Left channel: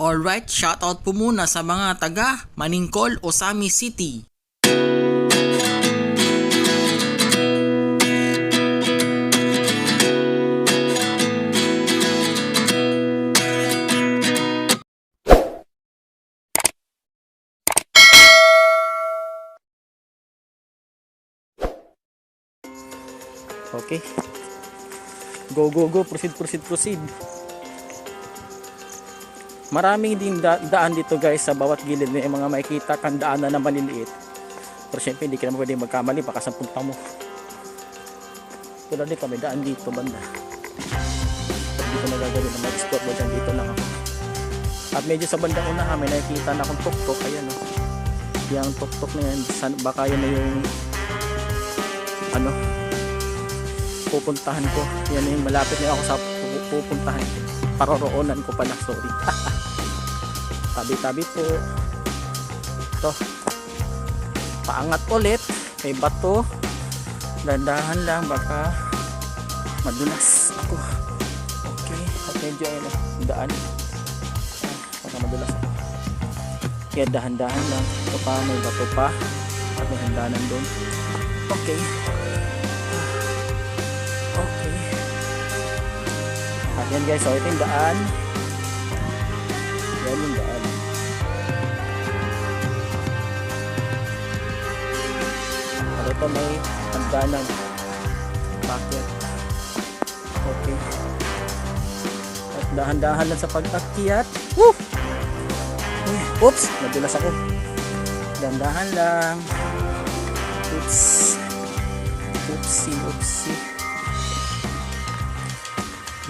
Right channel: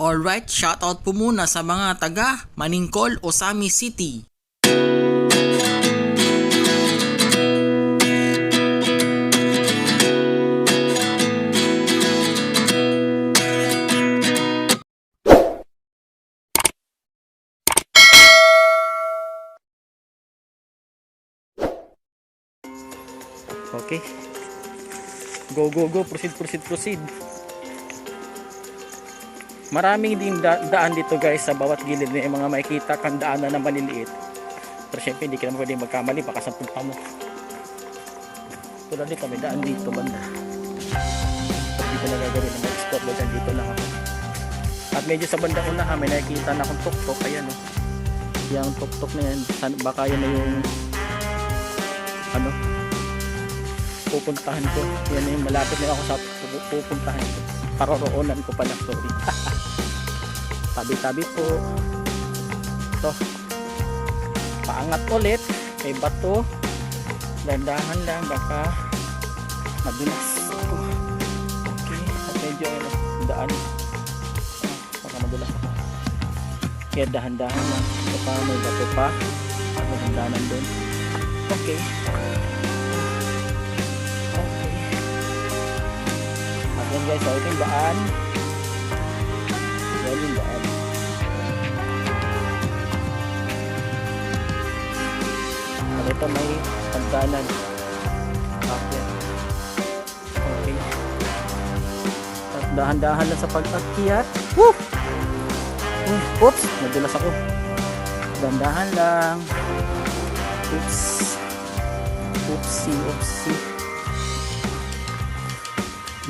Alright, shoutout po muna sa mga taga Maningkol, Osami City. Okay. Go, proceed. Maraming din daan dito guys sa bawat gilid. May mga makikita kang daanan na maliliit. Pero syempre hindi ka naman pwede magkamali, baka sa punta mo. Tulad dito, may daan dito banda. Hindi ko nagagawin na mag-spot mo dyan, dito lang ako. At medyo sa bandang unahan may nakikita na akong tuk-tuk. Ayan o. Yung tuk-tuk na yan, baka yan na yung pupuntahan ko. Yan na yung malapit na ako sa pupuntahan ko. Paroroonan ko pala, sorry. Tabi-tabi po. Ito. Paangat ulit. Kay bato. Dandahan lang, baka madulas ako. Okay. At medyo daan. Baka madulas ako. Kaya dahan-dahan lang. Ito pa, may bato pa. At may handanan doon. Okay. Yan guys, so ito yung daan. Yan yung daan. At ito may hagdanan. Pakyat. Okay. At dahan-dahan lang sa pag-akyat. Woo! Oops! Nadulas ako. Dahan-dahan lang. Oops. Oopsie.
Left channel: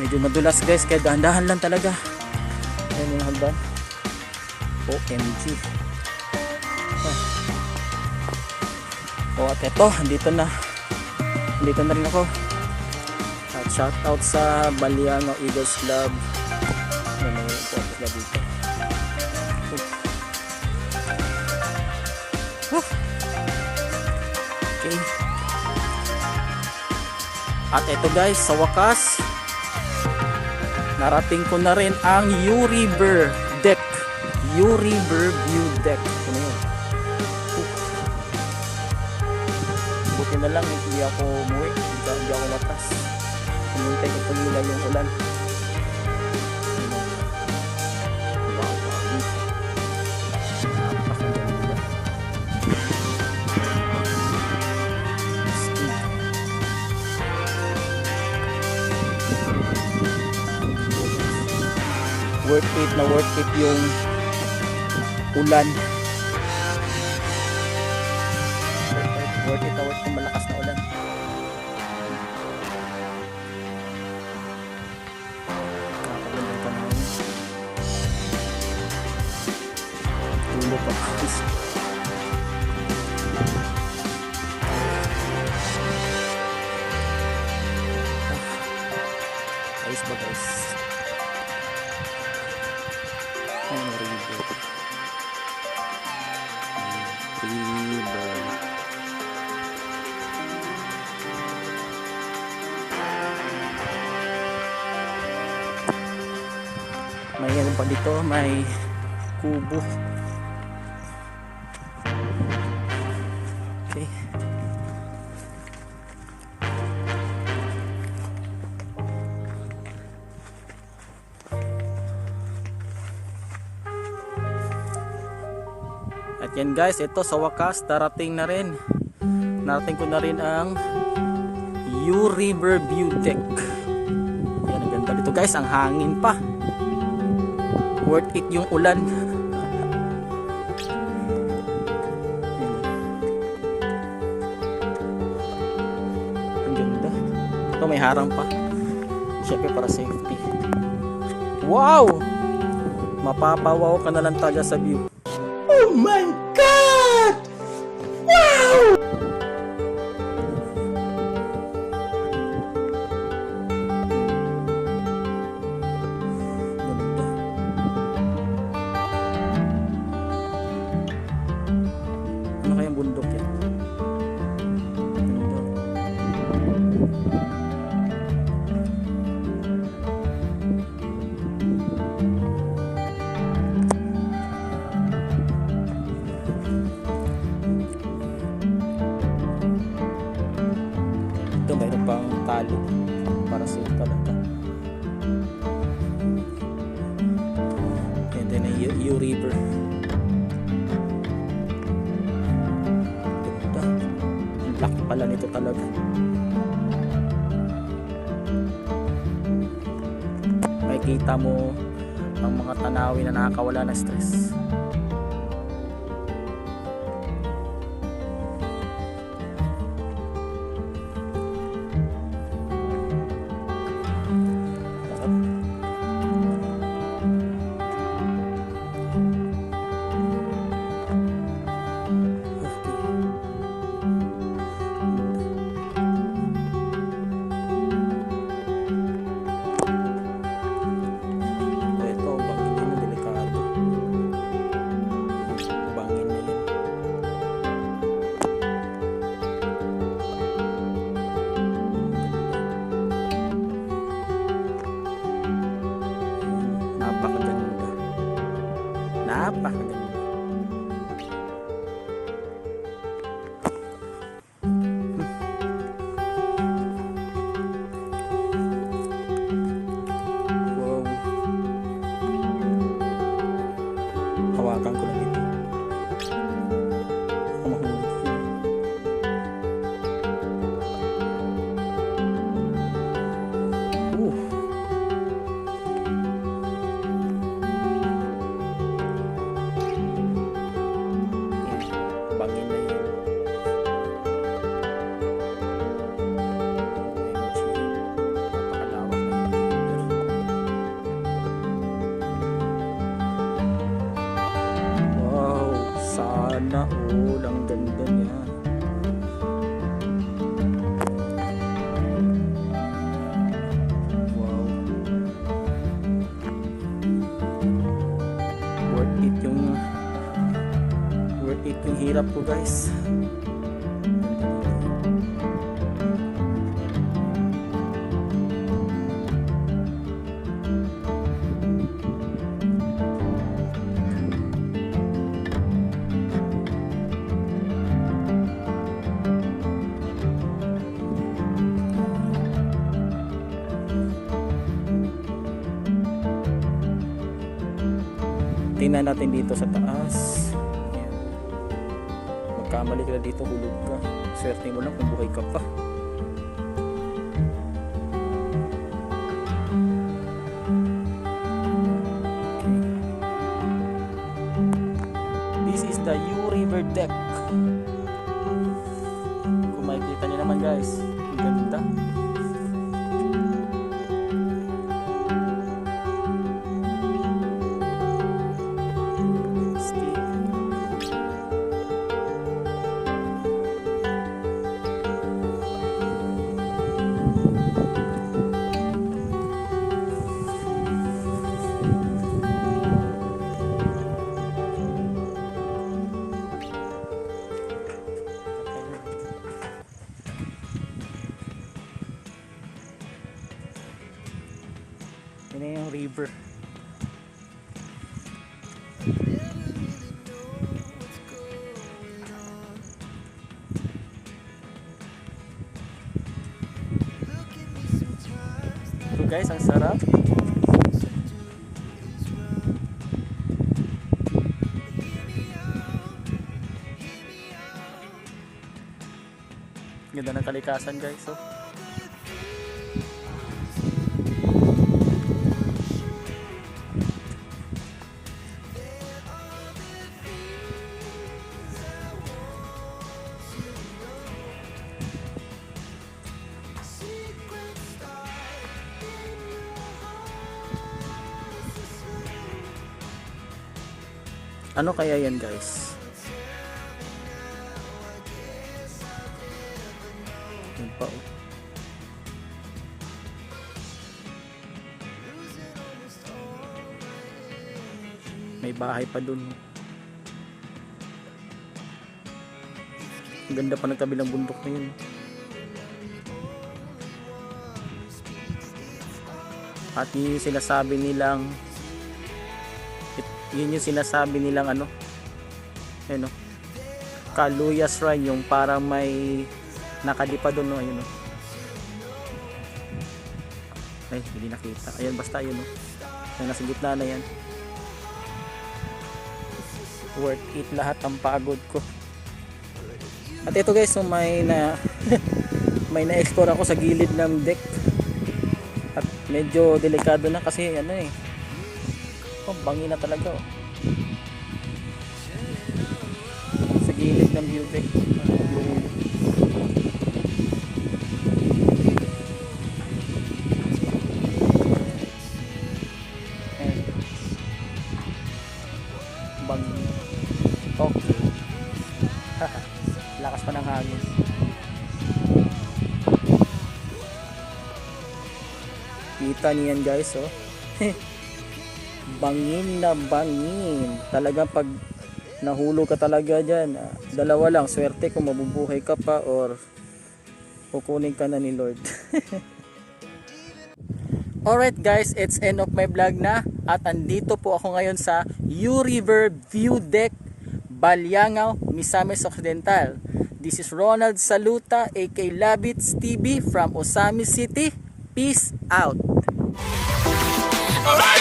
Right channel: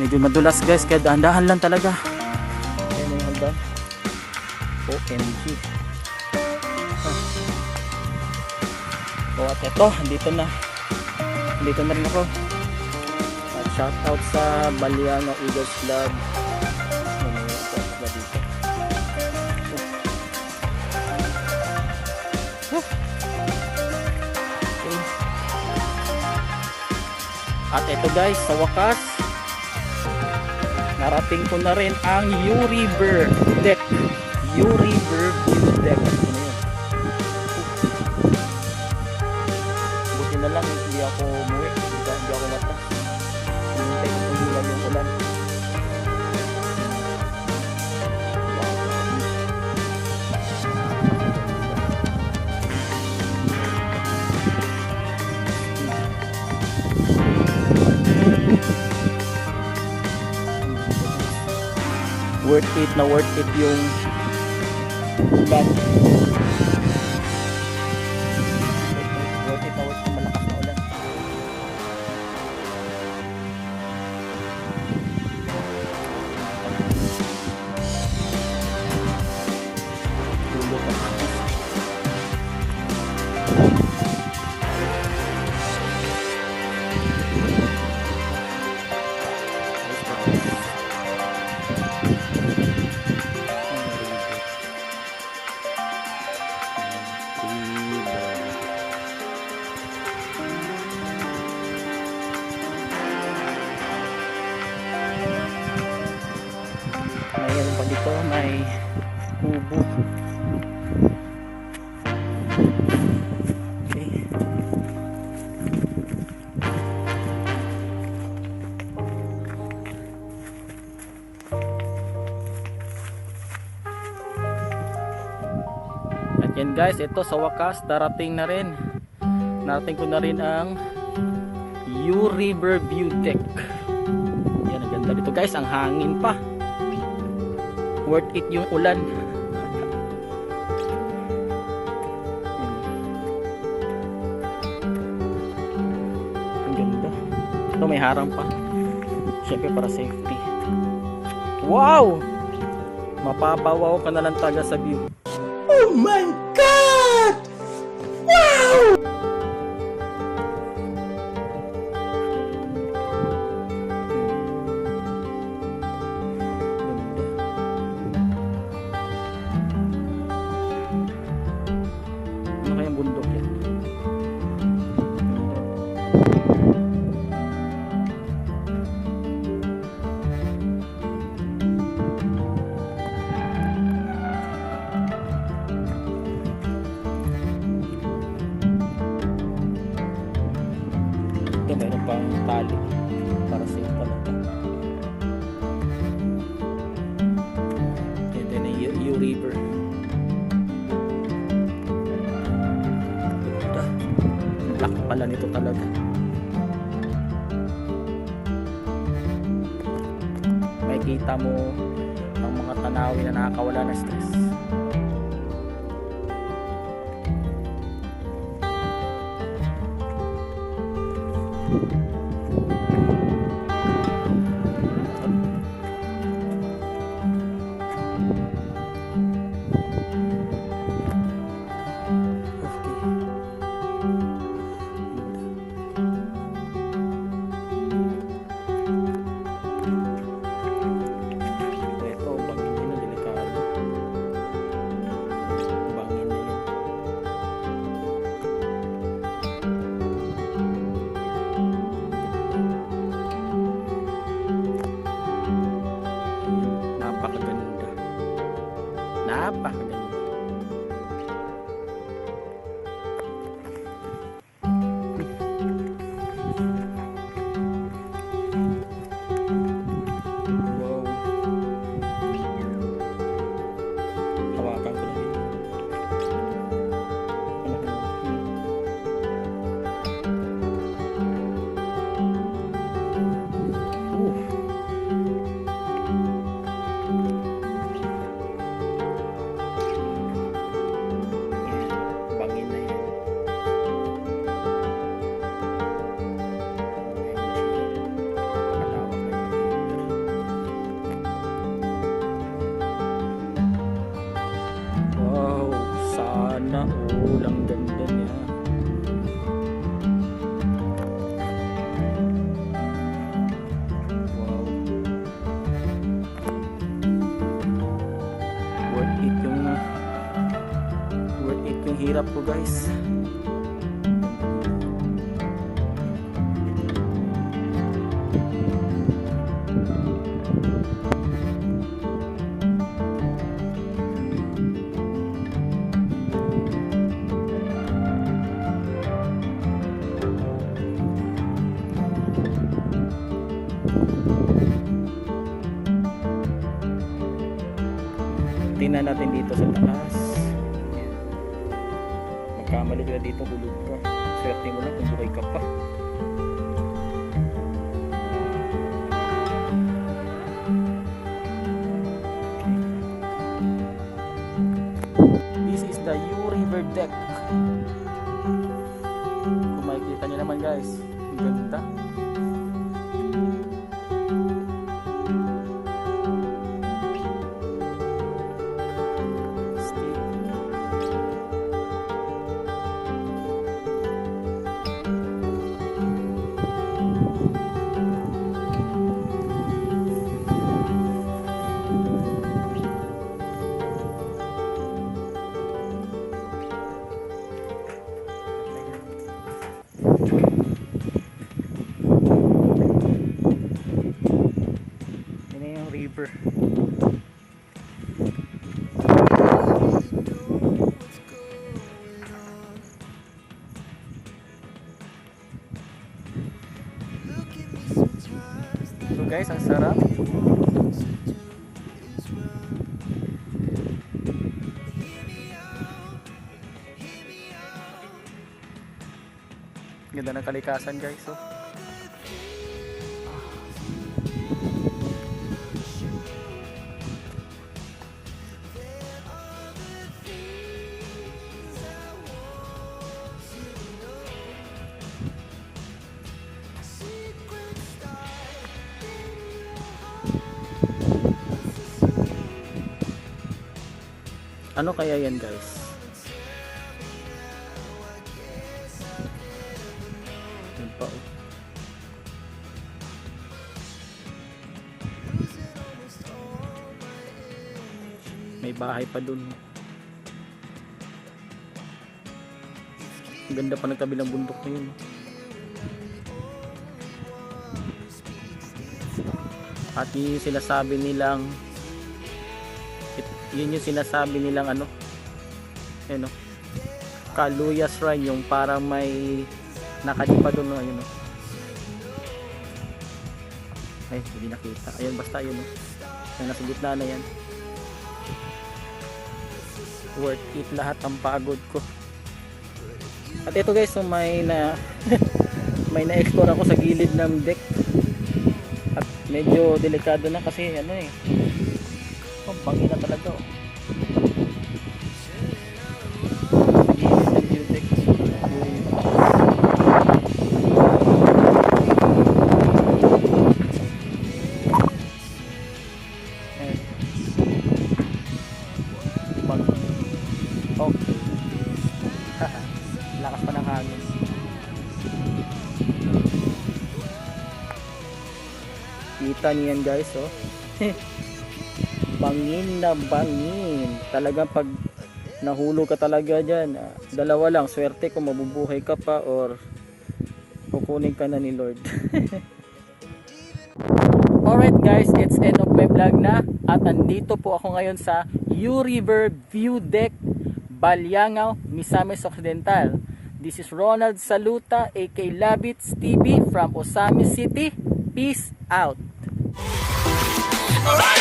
Medyo madulas guys, kaya dahan-dahan lang talaga. Ayan yung hagdan. OMG. So at ito, andito na rin ako. At shoutout sa Baliano Eagles Club. Yan yung important na dito. Okay. At ito guys, sa wakas narating ko na rin ang U-River Deck. U-River View Deck. Ito na yun. Buti na lang hindi ako umuwi. Hindi ako matras. Hinintay ko tumila yung ulan. Worth it yung ulan. Worth it yung malakas na ulan. Nakapagandang panahon. Tulo pa ako. Ayos ba ito? May ano pa dito, may kubo. Okay. At yan guys, ito sa wakas narating ko na rin ang U-River View Deck. Yan, ang ganda dito guys, ang hangin pa. Worth it yung ulan. Ang ganda. Ito may harang pa. Siyempre para safety. Wow! Mapapawaw ka na lang talaga sa view. Oh my God! Wow! Ano kayang bundok yan? tali para safe talaga. And then U River. Ganda. Laki pala nito talaga. Makikita mo ang mga tanawin na nakakawala ng stress. Napakaganda. Wow. Hawakan ko lang ito. Bangin na yun. Napakalawak na yun. Wow, sana all ang ganda niya. Wow. Worth it yung hirap ko, guys. Tingnan natin dito sa taas. Magkamali ka dito, hulog ka. Swerte mo lang kung buhay ka pa. This is the U River deck. Kung makikita nyo naman, guys, ang ganda. Yun na yung river. So guys, ang sarap. Ganda ng kalikasan, guys. So ano kaya yan, guys? Yan pa, oh. May bahay pa dun. Ang ganda pa ng kabilang bundok na yun. At yun yung sinasabi nilang ano, ayun, Kaluya Shrine, yung parang may nakalipa doon, ayun, Ay, hindi nakita. Ayan, basta yun, no? Yung nasa gitna na yan. Worth it lahat ang pagod ko. At ito guys, so may may na-explore ako sa gilid ng deck. At medyo delikado na kasi ano eh. Oh, bangin na talaga oh. Sa gilid ng view deck. Bangin. Okay. Lakas pa ng hangin. Kita niyan guys, oh. Bangin na bangin. Talagang pag nahulog ka talaga dyan, dalawa lang, swerte kung mabubuhay ka pa or kukunin ka na ni Lord. Alright guys, it's end of my vlog na. At andito po ako ngayon sa U River View Deck, Balyangao, Misamis Occidental. This is Ronald Saluta aka Labits TV from Osamis City. Peace out. Alright.